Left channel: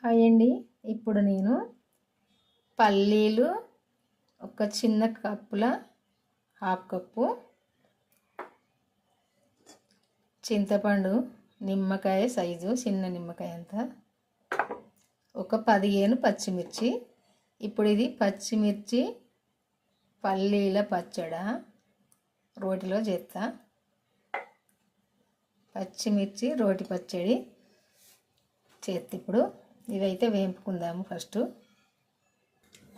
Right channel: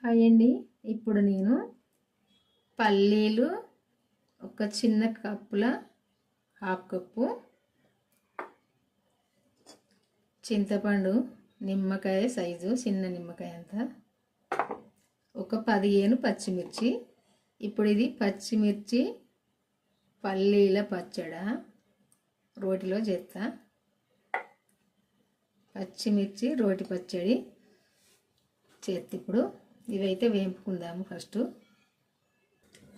Hi అండి. ఇప్పుడు నేను పల్లీలు ఒక చిన్న కప్పుల హాఫ్ కప్పు చింతపండు నిమ్మకాయ సైజు చిన్న నిమ్మకాయ అంత ఒక పదిహేను పచ్చిమిర్చి. ఇప్పుడు ఇది పచ్చిమిర్చి పల్లీల పచ్చడ రోటిలో చేస్తా. పచ్చిమిర్చి రోటి పచ్చడి చేతి ఇప్పుడు. ఇవైతే వేంపుకుందాము ఫస్ట్.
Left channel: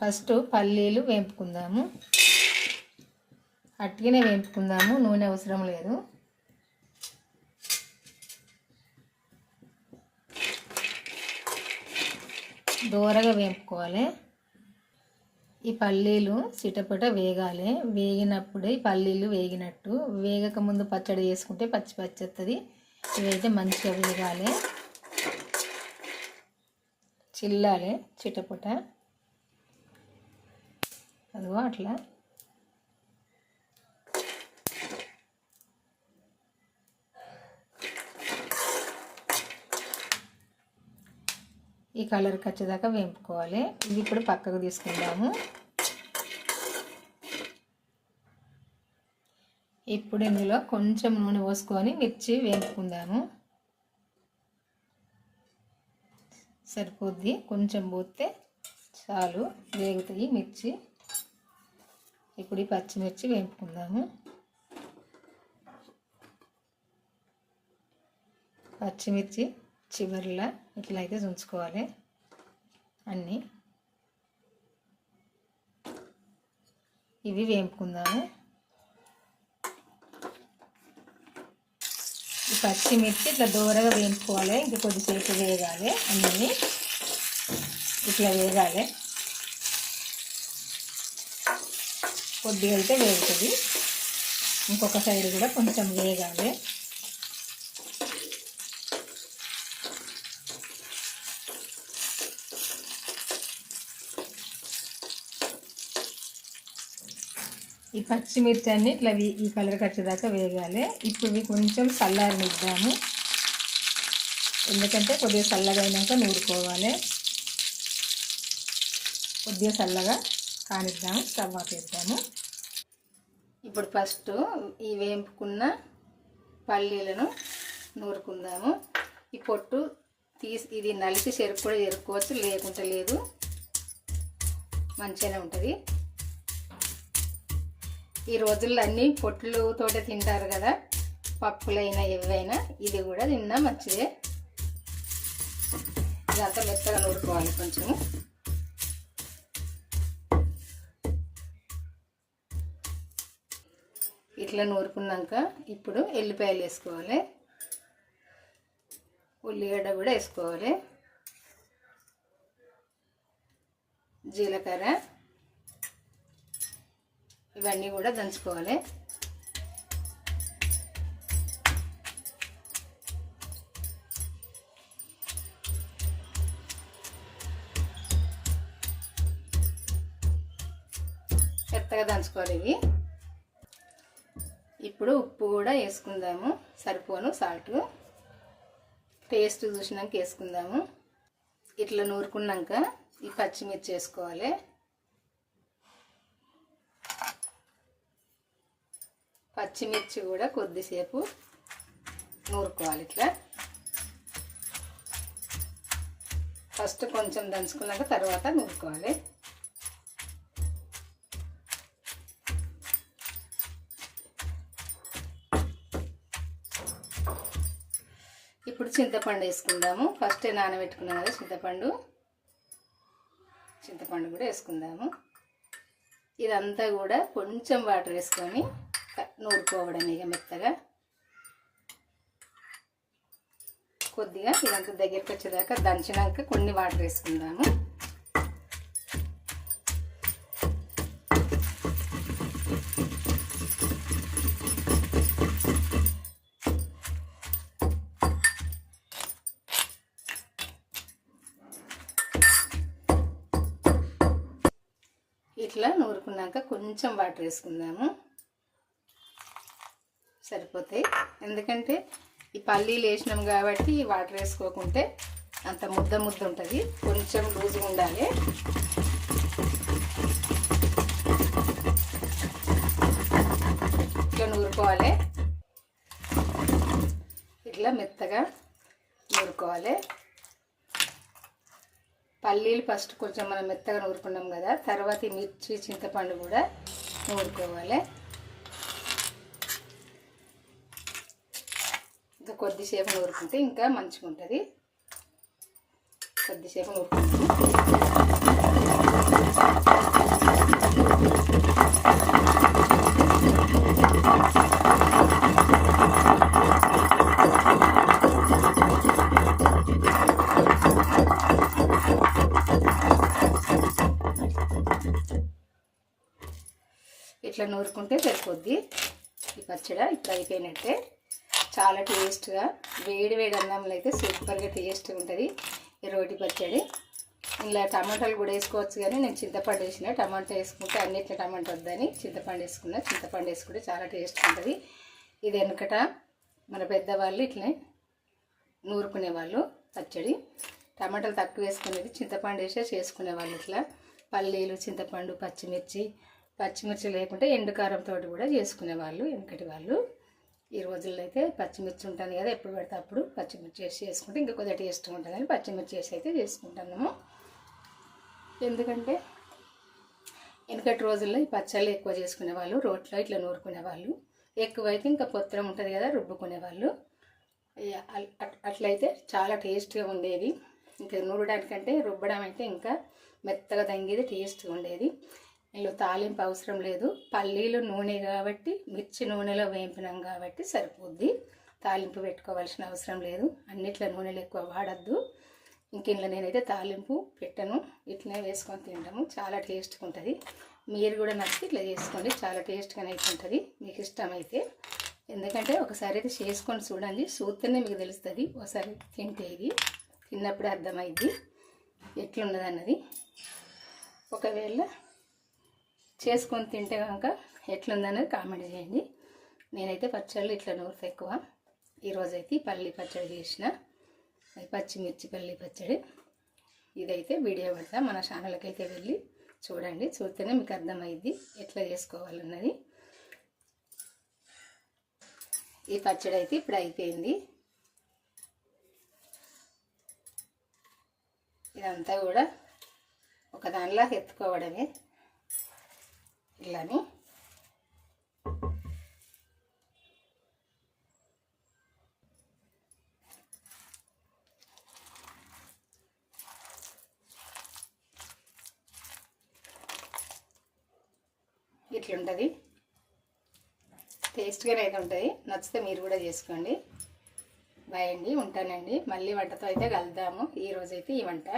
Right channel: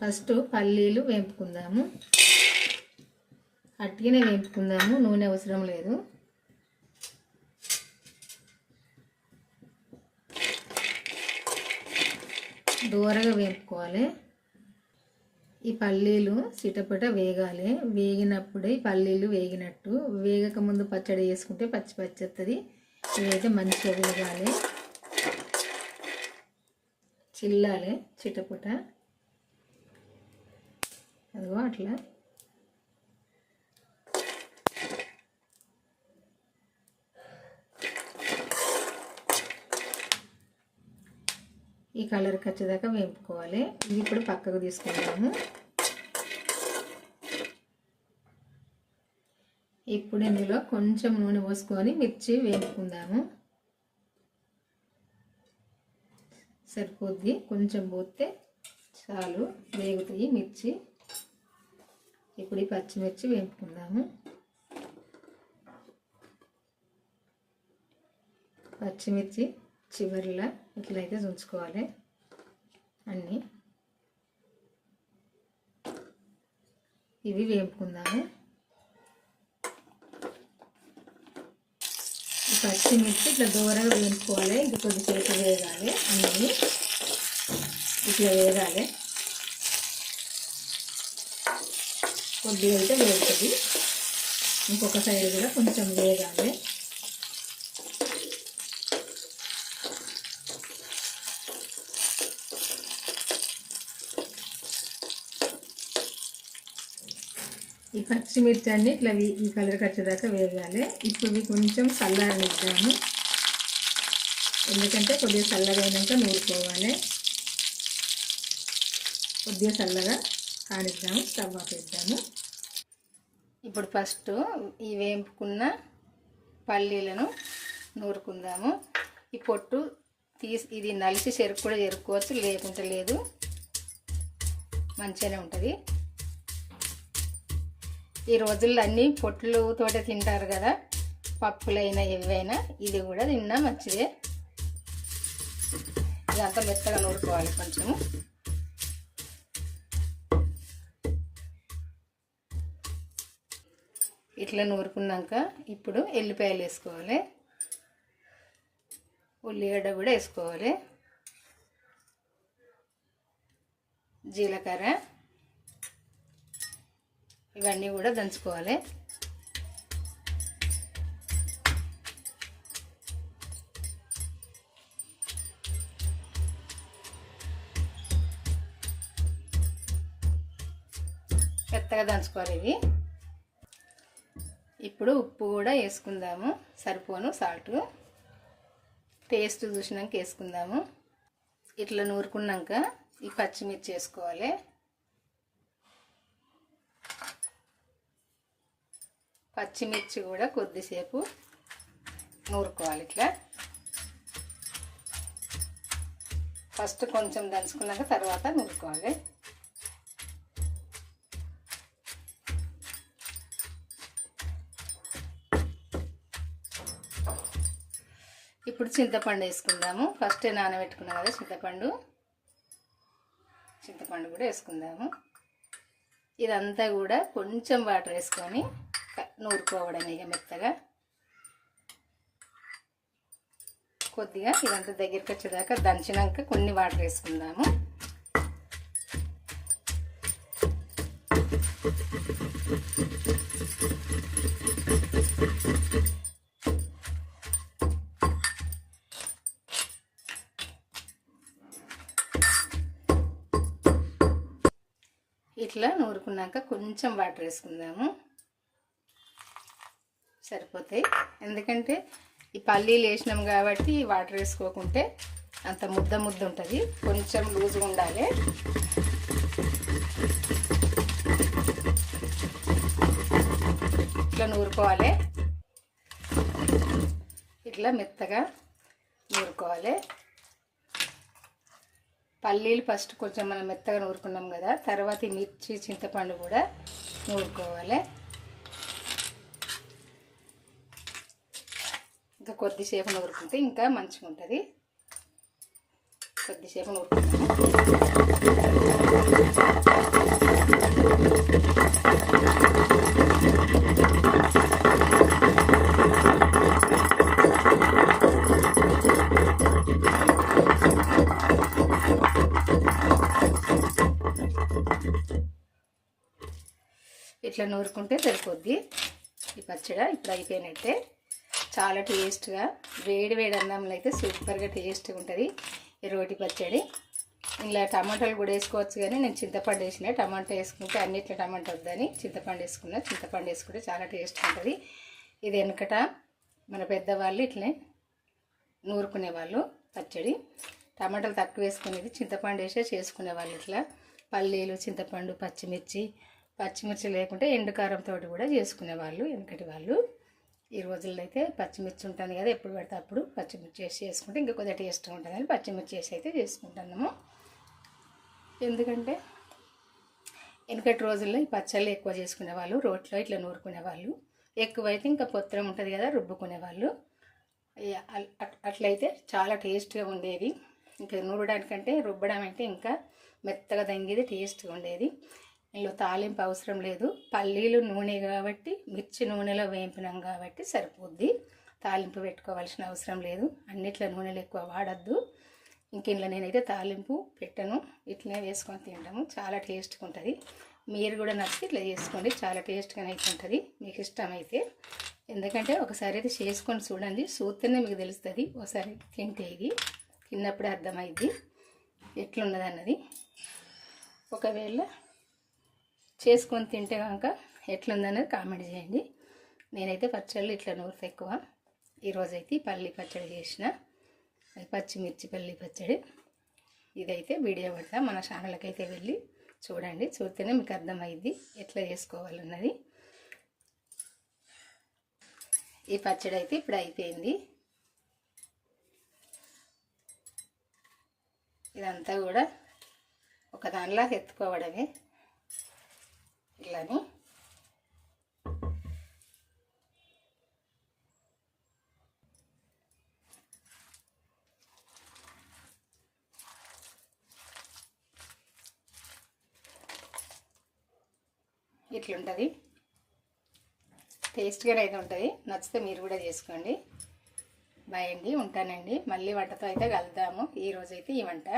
ఫస్ట్ పల్లీలు వేంపుకుందాము. అట్టిగానే వేపుకుందాము నూనె అవసరం లేదు. దూరగా వేపుకోవాలి. ఈ పల్లీలు చిటపట వేగాలి. వేగినప్పుడే ఈ పల్లీలు వేగినట్టు. వేగక ముందు పచ్చడి వేసుకుంటే పచ్చి పచ్చి వస్తుంది ఇవైతే మంచిగా వేగాలి. చిల్లాలి చిటపట. అదిగో అట్లా. ఈ కలర్ వచ్చేదాకా వేపుకోవాలి. ఇది ఇప్పుడు పక్కకు తీసుకుందాము. ఇప్పుడు ఇందులో కొంచెం నూనె పోసుకొని మిర్చి వేపుకుందాము. సరిపోద్ది. కొంచెం పోతే చాలు. వేగుతాయి మిర్చి. ఇప్పుడు ఈ పచ్చిమిర్చి వేపుకుందాము. పచ్చిమిర్చి చివరిలా ఇట్లా అయితే ఉంచుకోవాలి అన్నీ. ఇవి వేపుకుందాము. పచ్చిమిర్చి ఇట్లా దూరగా వేయించుకోవాలి. ఇంక కొద్దిసేపు వేగాలి. అన్నీ ఇట్లా వేగాలి. కొద్దిగా అయితే వేగుతుంది. ఇంకొక సైడ్ కూడా కొంచెం వేగాలి. ఈ పచ్చిమిర్చి అన్నీ ఇట్లా ఈ కలర్ వచ్చేదాకా వేగాలి ఇప్పుడు ఇవి కొంచెం చల్లారనిద్దాము ఎందుకంటే కొద్దిగా చల్లగా అయినాక నూరుకోవాలి. కొద్దిగా చల్లగా కానిద్దాము స్టవ్ ఆపేద్దాము ఇప్పుడు ఫస్ట్ ఈ వేంపుకున్న పల్లీలను నూరుకుందాము. ఈ పొట్టు తీసి ఇది నలిసి చెరుకు కూడా ఎరుకోవచ్చు లేకుంటే లేదు. మంచిగానే ఉంటుంది. ఈ రోజుల్లో అన్నీ పొట్లు తోట తింటారు కదా. పప్పులైనా ఇవైనా ఇది కూడా తిన్నా మంచిదే. ఇదంతా మెత్తగా నూరుకోవాలి కొంచెము. ఇట్లా నూరుకున్నాక ఇప్పుడు ఎల్లిపాయలు వేసుకోవాలి. ఉల్లిగడ్డ కూడా వేసుకోవాలి. జీలకర్ర. ఇవన్నీ కూడా దంచుకోవాలి. మెత్తగా దంచుకోవాలి ఇవి. ఇప్పుడు ఉప్పు కూడా వేసుకుందాము సరిపోను సాల్ట్. టేస్ట్ చూసినాక వేసుకుందాము. ఇట్లా నూరుకున్నాక ఈ పచ్చిమిర్చి వేసుకోవాలి. పచ్చిమిర్చి కూడా కొద్దిసేపు నూరుకోవాలి ఇట్లా. ఫస్ట్ కొంచెం దంచుకున్నాక తర్వాత నూరుకోవాలి. ఇప్పుడు చింతపండు వేసుకుందాము. ఫస్ట్ నానబెట్టుకున్నాం కదా చింతపండు. చింతపండు కూడా వేసుకుందాము. ఇదంతా కూడా కొంచెం వాటర్ వేసుకొని నూరుకోవడం ఇక మెత్తగా. కొద్దిగా ఇదంతా దగ్గరికి వచ్చేదాకా దంచినాక కొన్ని వాటర్ వేసుకుందాము. ఇట్లా నూరుకున్నాక కొంచెం వాటర్ వేసుకుందాము. సరిపోతాయి. ఎందుకంటే ఈ పల్లీలు వేసినాం కాబట్టి ఈ వాటర్ వేసుకోకుంటే అంత ముద్ద ముద్ద ఉంటుంది. కొంచెం లూజ్గా ఉండాలి. ఇట్లా నూరుకోవాలి. ఇట్లా మెత్తగా నూరుకోవాలి. పల్లీలు ఫస్ట్ కొంచెం మనం మెత్తగా నూరుకున్నాం కదా తర్వాత ఈ మిర్చి చింతపండు కూడా నూరుకోవాలి. కొద్దిసేపు నూరుకుంటే ఇంకా మంచిగా ఉంటుంది కొద్దిసేపు నూరుకుంటే ఇట్లా నూరుకుంటే సరిపోద్ది. ఈ పచ్చడి ఇప్పుడు అయిపోయినట్టే. చాలా టేస్ట్గా వేడి వేడి అన్నంలో అయితే సూపర్గా టేస్ట్గా ఉంటుంది ఈ రోటి పచ్చడి. ఇలా టమాటాలు కూడా వేసుకోవచ్చు కానీ నేను చింతపండు వేసిన. టమాటా వేసుకుంటే అన్నిట్లో టమాటా వద్దని చింతపండు వేసుకున్నా. చింతపండు వేసుకుంటే చాలా టేస్ట్ ఉంటుంది. ఇది వెనకట మన పెద్దవాళ్ళు ఇట్లనే నూరుకునే వాళ్ళు పచ్చడి. టమాటాలు తక్కువ వేసుకునేది చింతపండు వేసే చేసుకునేవాళ్ళు ఇట్లా. పల్లీలు చింతపండు పచ్చిమిర్చి పచ్చిమిర్చి లేకుంటే ఎండుకారంతో కూడా చేసుకునేవాళ్ళు వెనకటి వాళ్ళు. ఈ రోజుల్లో అయితే పచ్చిమిర్చి ఉంటుంది కదా ఎప్పుడు పడితే అప్పుడు పచ్చిమిర్చి వేసి చేసుకుంటే ఇంకా కొద్దిగా టేస్ట్ ఉంటుంది పచ్చిమిర్చి వేసి అయితే చేసుకుంటున్నాము. ఎందుకంటే వెనకటి రోజుల్లో ఈ పచ్చళ్ళు ఎక్కువ చేసుకునేవాళ్ళు రోట్లో ఇట్లా నూరుకునేవాళ్ళు ఎక్కువైతే ఇంకా పొత్తం ఉంటుంది కదా రుబ్బుకునేవాళ్ళు అట్లయితే చాలా టేస్ట్గా ఉండేది. ఇంకా నూరడానికంటే రుబ్బడం అంటే ఇంకా మెత్తగా తంగేది టేస్ట్గా ఉండేది. ఇందులో తాలింపు అవసరం లేదు. పల్లీలు నూనె కాబట్టి మిర్చి నూనెలో వేయింపినాం కాబట్టి సరిపోద్ది. తాలింపు పెట్టుకోవాల్సిన అవసరం లేదు. అన్నిట్లో నూనెలు ఎక్కువ వాడద్దు. ఇంక ఇంట్లో నేనైతే తాలింపు పెట్టను. ఇట్లనే వేసుకొని తింటాము. చాలా టేస్ట్గా ఉంటుంది. మీరు కూడా నచ్చి ఇట్లా చేసుకోండి. చాలా టేస్ట్గా అయితే ఉంటుంది. మీకు ఇష్టమైతే. ఎందుకంటే ఒకసారి అయితే చేసుకొని చూడండి. చూస్తేనే మీకు తెలుస్తుంది. ఒకసారి తింటే ఇది. తిన్నప్పుడే అర్థమైద్ది. ఎట్లున్నది అన్నది ఒకవేళ చేసుకొని తింటే కనుక ఎట్లుందనేది కామెంట్ చేయండి. నేనైతే పచ్చళ్ళు ఇట్లా నూరుత ఎక్కువ. ఈరోజైతే ఈ పల్లి పచ్చడి చేసిన. పచ్చిమిర్చి పల్లి పచ్చడి. ఇదైతే వీడియో పెడతా. మన ఛానల్కి అయితే వెళ్ళి చూడండి. చూస్తేనే మీకు అర్థమైంది ఎట్లా చేసుకోవాలన్నది. ఈ పచ్చడి అయితే ఇప్పుడు అయిపోయింది. ఇదంతా కూడా ఒక దానిలా ఎత్తుకోవడమే. ఇట్లని ఇట్లుంటుంది. టేస్ట్గానే అయితే ఉంటుంది. నచ్చితే మీరు కూడా చేసుకోండి. బాయ్ అండి ఉంటానండి. మళ్ళీ వంటతో అయితే కలుద్దాము. ఈరోజైతే ఈ వంట.